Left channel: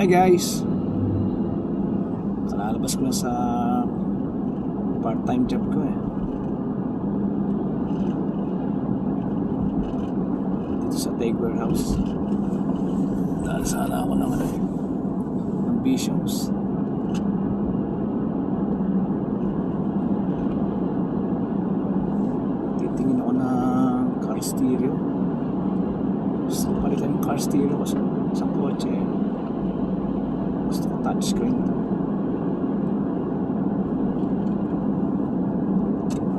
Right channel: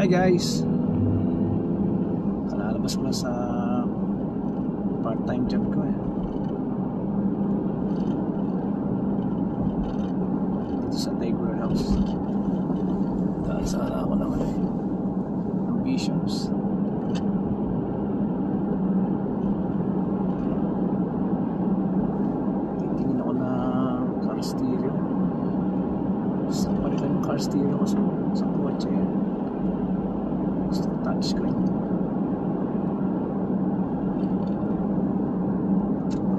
Hi guys, kalalabas ko lang sa part-time job ko dito sa Take Warehouse. Dahil sana ako ng ambitions. Titingin ako ng car stereo. Gusto ko palitan yung car stereo ko sa kotse. Gusto ko touchscreen.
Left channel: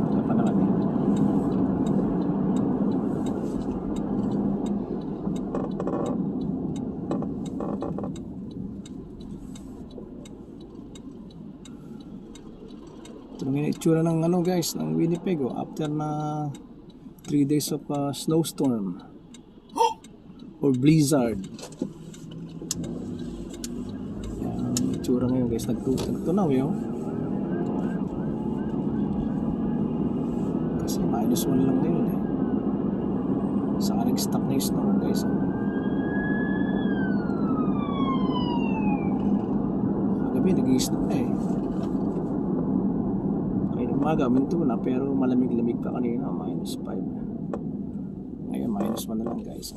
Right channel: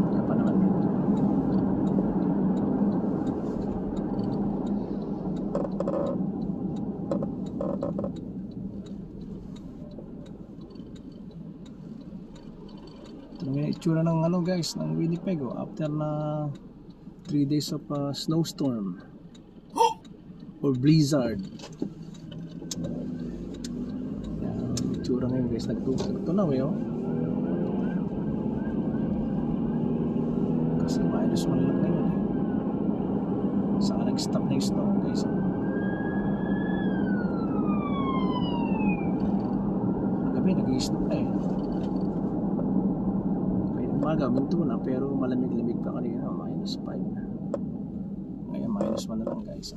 Kaya pa naman ito lang yung itsura ng guys, ng Winnipeg after na 3 days of snowstorm or blizzard. Itsura ngayon guys, nagtunaw kasi -1 lang ngayon saka nag-stop na yung snow guys kagabi nag-i-snow na kaya umaga minto na pero malamig-lamig pa kanina, -5 ngayon -1 na lang guys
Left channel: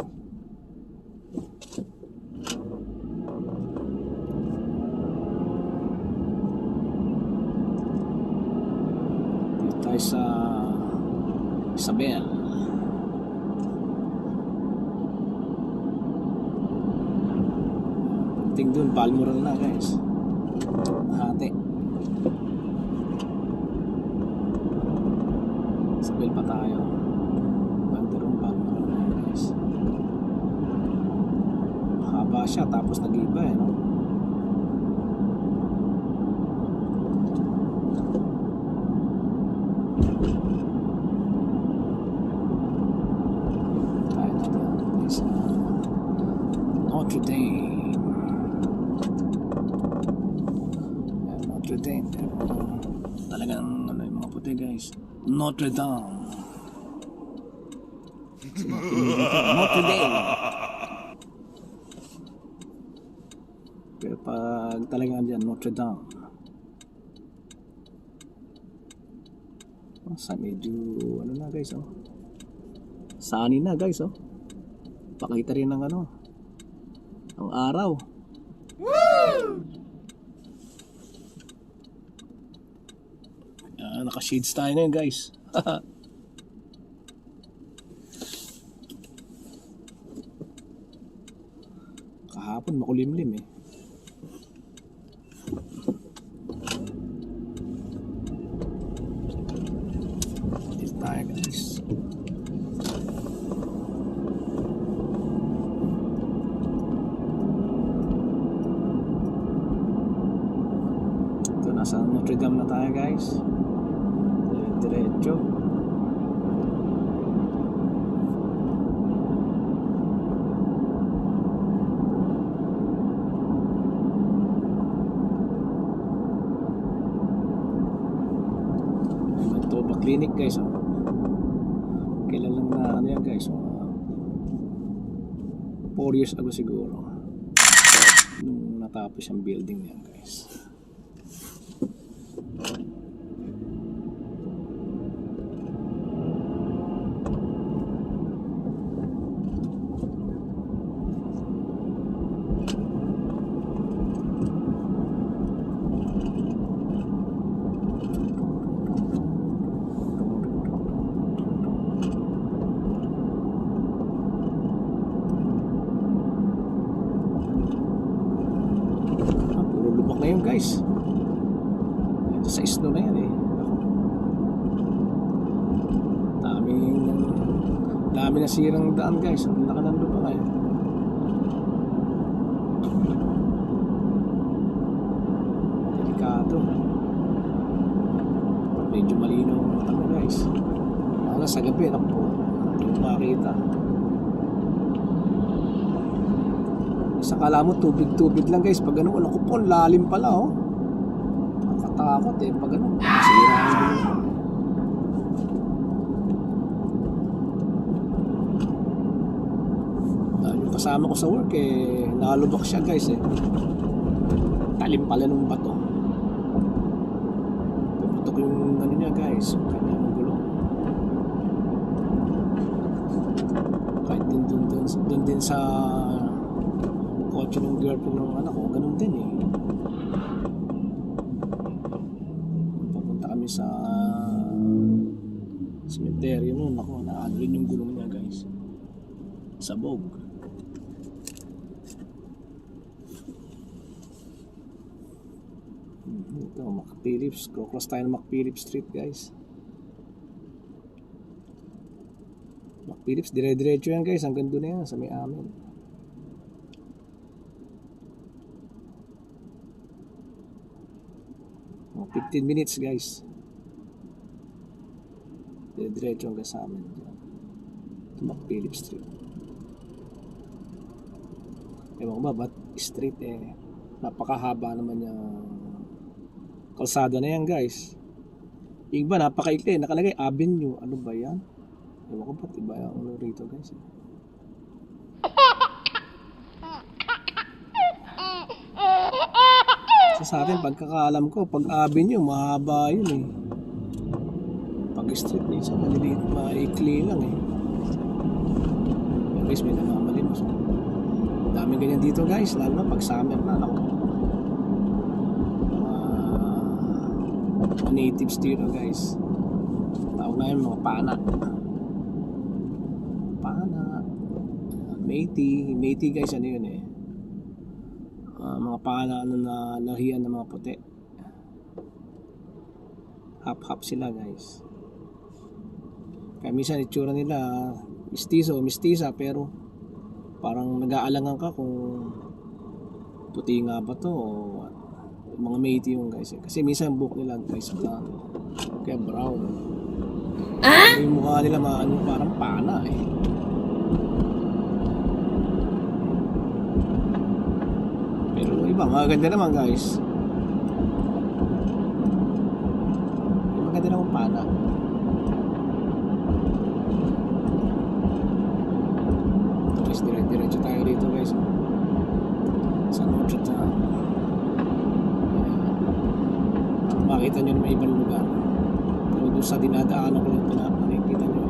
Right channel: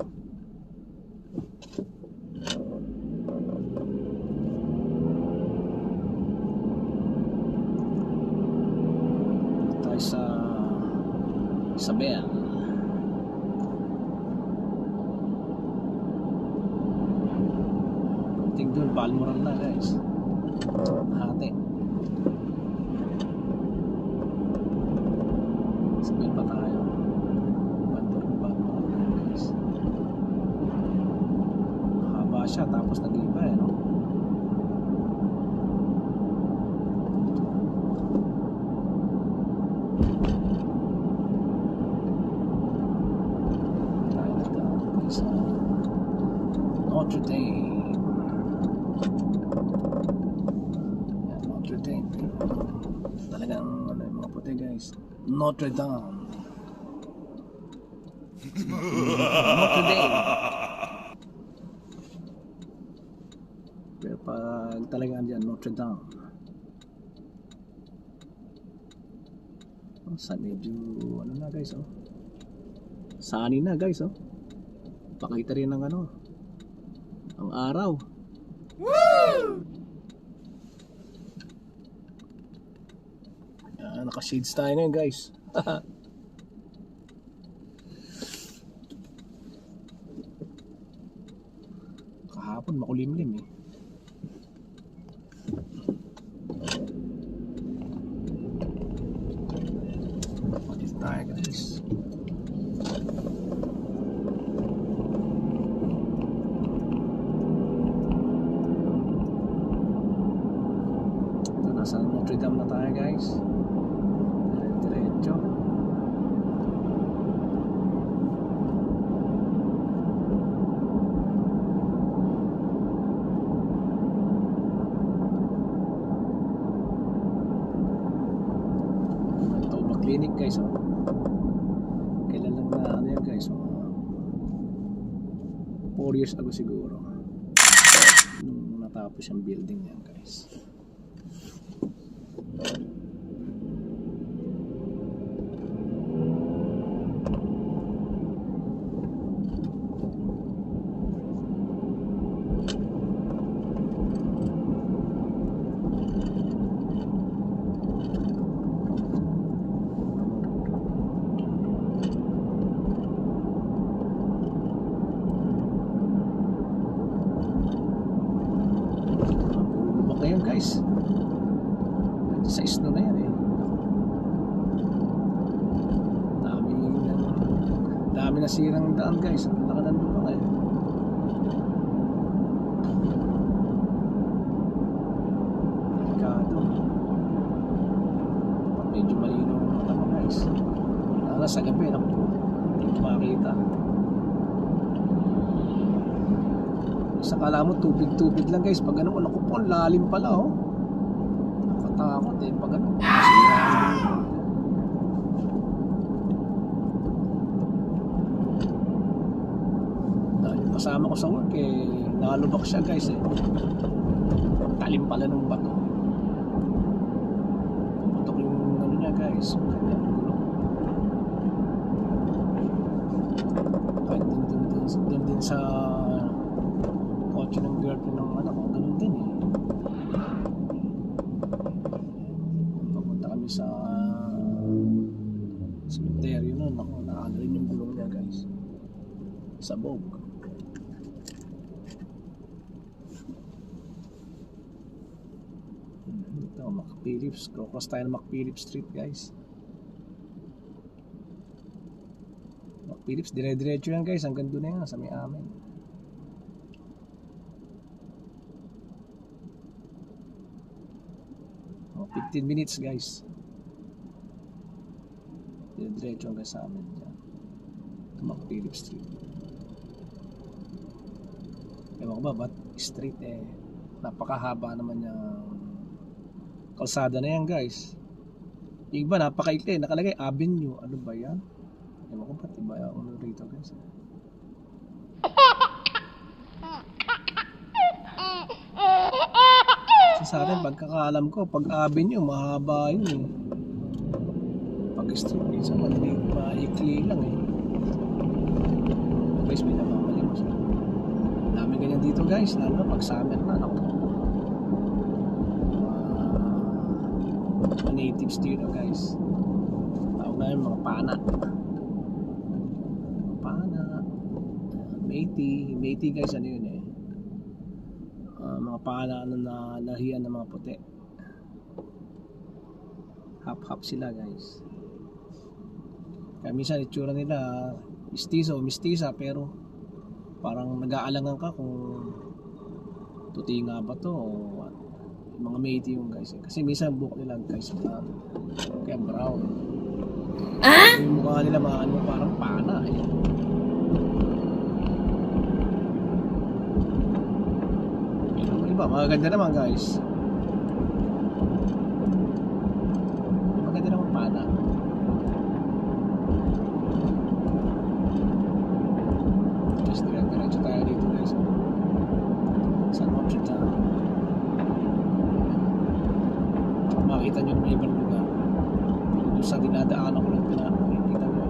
sa Isabel. Pagdating dun, Balmoral na guys. Hati. Isabel pa tayo. Bandirong Balmoral na guys. Haba siya tapos nag-iba no? Notre Dame. Notre Dame. Talagang yung mga puti guys. Notre Dame. Notre Dame. Pero pag talagang dyan, Notre Dame. Sa medyo na guys sunny na guys pakita rin ng ang araw. Woo! Naka-shades tayo na yun guys. Kahapon makulimlim What is that guys? Nasa Notre Dame na tayo guys. Diretso. Manitoba Clinic guys kailan lang na yan guys 4 years ago siguro nung natapos yung building yan guys. Ngayon guys sa snow na yan dami na sirang daan guys. Ang laki ng lupa ngayon. Delikado medyo malinaw ang mata mo guys lalo sa gabi hindi mo makakita. Sa kala mo tubig lang guys pag naku po lalim pala nakakatakot pag kasama ko sa work eh, nalubak siya guys eh. Talim pala ng bato. Pumutok yung ano niya guys, yung kanyang gulong. Kahit dun din sa kotse ng girlfriend ng anak ko, ganun din eh. Papunta kami sa cemetery nun, ako, naano rin yung gulong niya guys. Sabog. Ito, McPhillips. Cross tayo ng McPhillips Street guys. McPhillips, dire-diretso yan guys. Hanggang doon na yan, sa may amin. Oh, 15 minutes guys. Dire-diretso hanggang sa amin. Ito, McPhillips Street. Ewan ko ba, ba't street eh. Napakahaba naman yung kalsada na yan guys. Yung iba napakaikli, nakalagay avenue. Ano ba yan? Ewan ko ba't iba yung ano rito guys. So, sa atin pagkakaalam ko, pag avenue mahaba yun eh. Pag street minsan maliliit, maikli lang eh. Guys, may namamalimos. Dami ganyan dito guys, lalo na pag summer na. Naku, mga natives dito guys. Tawag na yung mga pana. Métis guys, ano yun eh. Mga pana ano na lahian ng mga puti. Hap-hap sila guys. Kaya minsan itsura nila mistisa pero parang nag-aalangan ka kung puti nga ba to o mga Métis yung guys eh. Kasi minsan buhok nila guys blonde kaya brown. Yung mukha nila maano parang pana eh. Pero iba maganda naman guys. Maganda naman pana. Diretso tayo dito guys sa Notre Dame para makita nyo may ibang lugar. Pero doon sa dinadaanan ko lang nakikita nyo.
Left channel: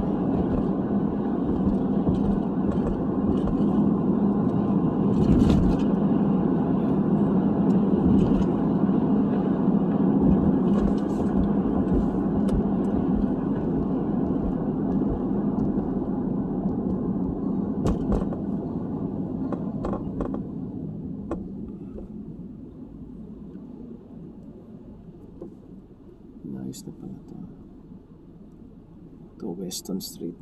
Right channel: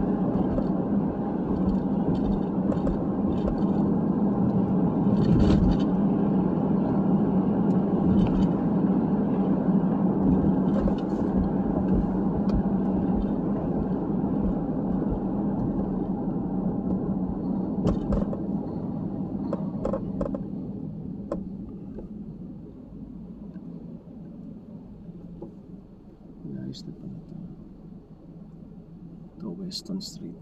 Nice na pala to Weston Street.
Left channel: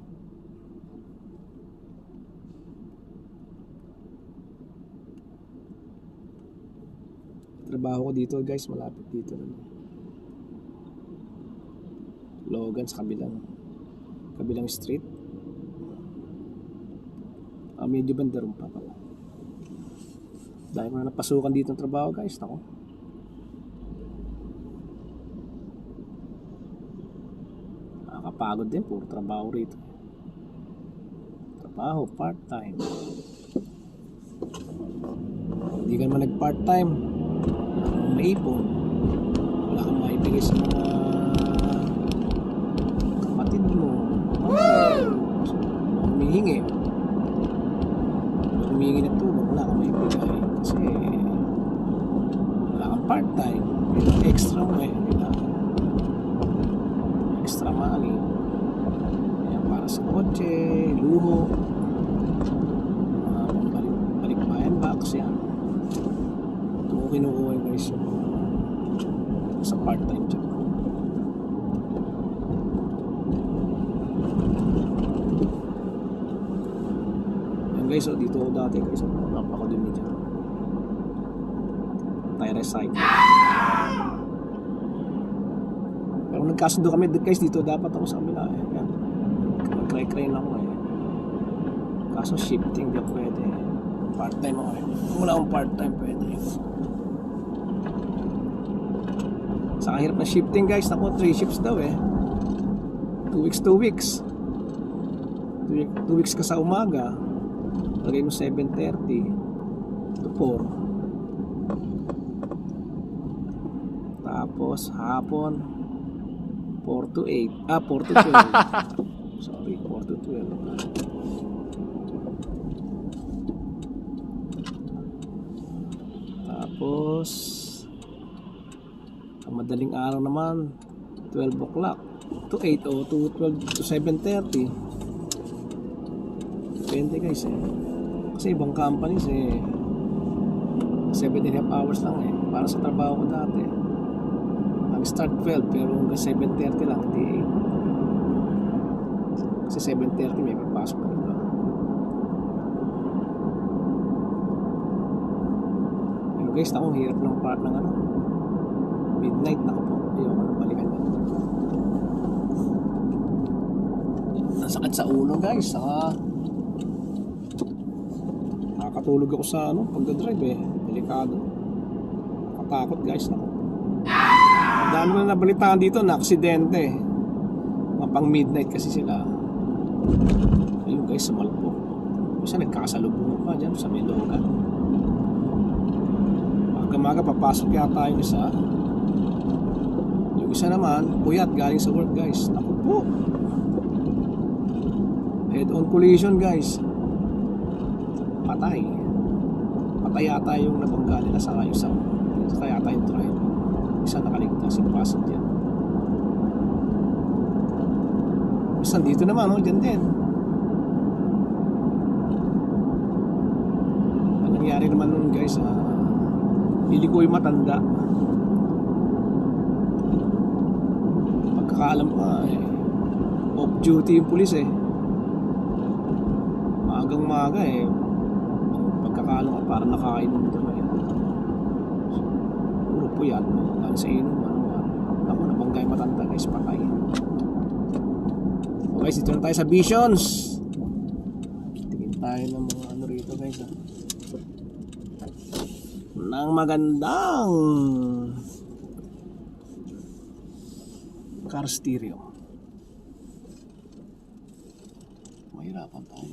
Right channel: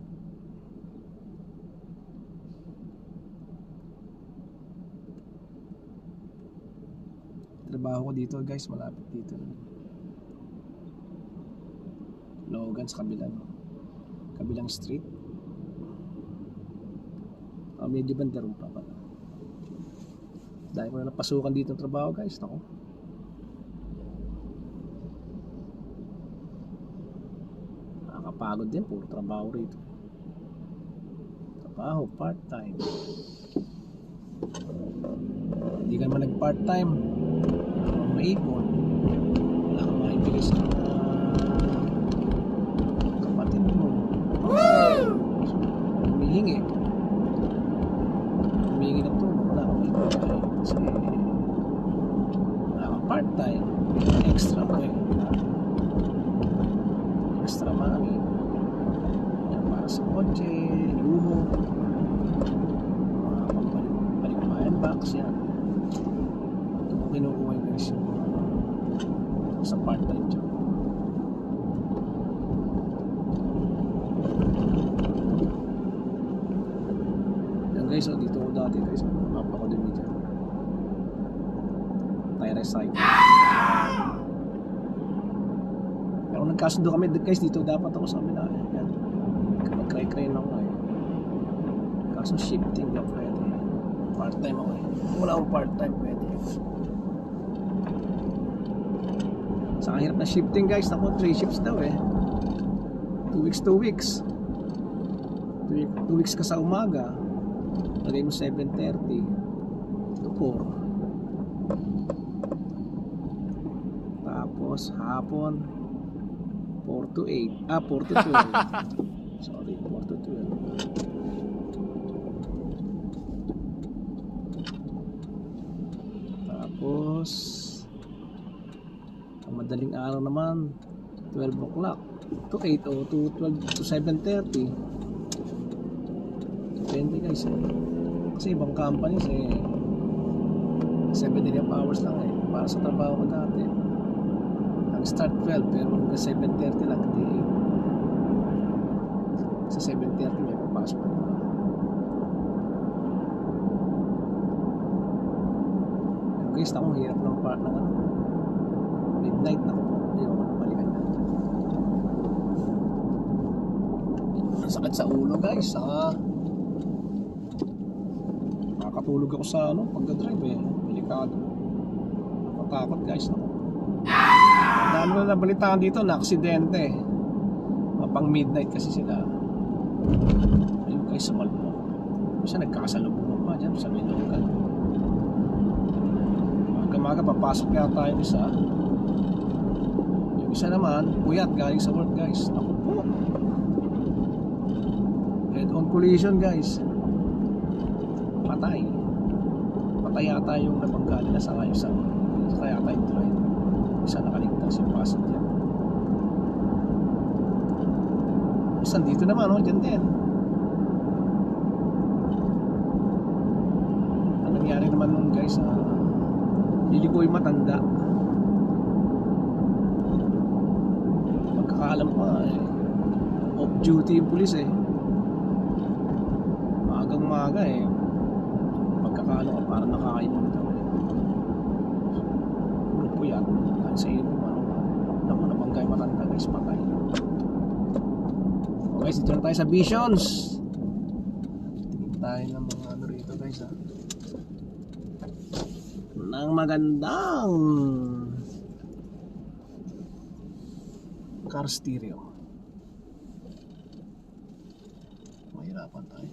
Trabaho ko dito guys, malapit dito. Logan sa kabilang street. Medyo bandarum pa pala. Dahil ko na napasukan dito ng trabaho guys, ako. Nakakapagod din, puro trabaho rito. Trabaho, part-time. Hindi ka naman nag-part-time, maipon, wala kang maibigay sa mga kapatid mo. Humihingi ng tulong, wala kang maibigay kasi wala kang part-time, extra mo eh, extra money. Ayan, para sa kotse, luho, balik-bayan box yan. Ito ko kinukuha yung guys yung sa part-time job. Yan guys, so dito ako dati guys, napakodumi dyan. Tire recycle. Pero nagkasundo kami guys, dito dapat ako sa kabila eh. Yan, mag-cry-cry lang ako eh. Kaso shifting na pwede. Part-time ako eh. Kung wala akong part-time pwede. Sa hirap na shifting guys, ako 3 shifts daw eh. 2 weeks 2 weeks ka sa umaga, Lagay mo 7:30 to 4. Tapos hapon 4 to 8. 4 to 12. Sorry, 4 to 12. Tapos ang madaling araw naman 12 o'clock to 8 o to 12 to 7:30. Depende guys eh. Kasi ibang companies eh 7.5 hours lang eh. Para sa trabaho ko dati, ang start 12 pero hanggang 7:30 lang, hindi 8. Kasi 7:30 may papasok na iba. Pero guys, ako hirap ng part ng ano, midnight na ko po. Hindi ako nang balikan na. Ang sakit sa ulo guys. Nakakatulog ako sa ano, pagdadrive eh. Delikado. Nakatakot guys. Dami na nabalitaan dito na aksidente. Mga pang midnight kasi sila. Ayun guys, sumalpok. Isa nagkakasalubungan pa dyan sa Milogan. Maga papasok yata yung isa. Yung isa naman, puyat galing sa work guys. Naku po. Head on collision guys. Patay yata yung nabangga nila sa isang yata yung driver. Isa nakaligtas yung passenger. Isa dito naman dyan din. Ang nangyari naman nun guys, pili ko yung matanda. Pagkakaalam ko off duty yung pulis eh. Maagang maaga eh. Pagkakaalam ko parang nakakainom daw eh. Puro puyat mo sa inom ako nabangga yung matanda guys, patay. Okay, dito na tayo sa Visions. Tingin tayo ng mga ano rito guys ng magandang car stereo. Mahirapan tayo.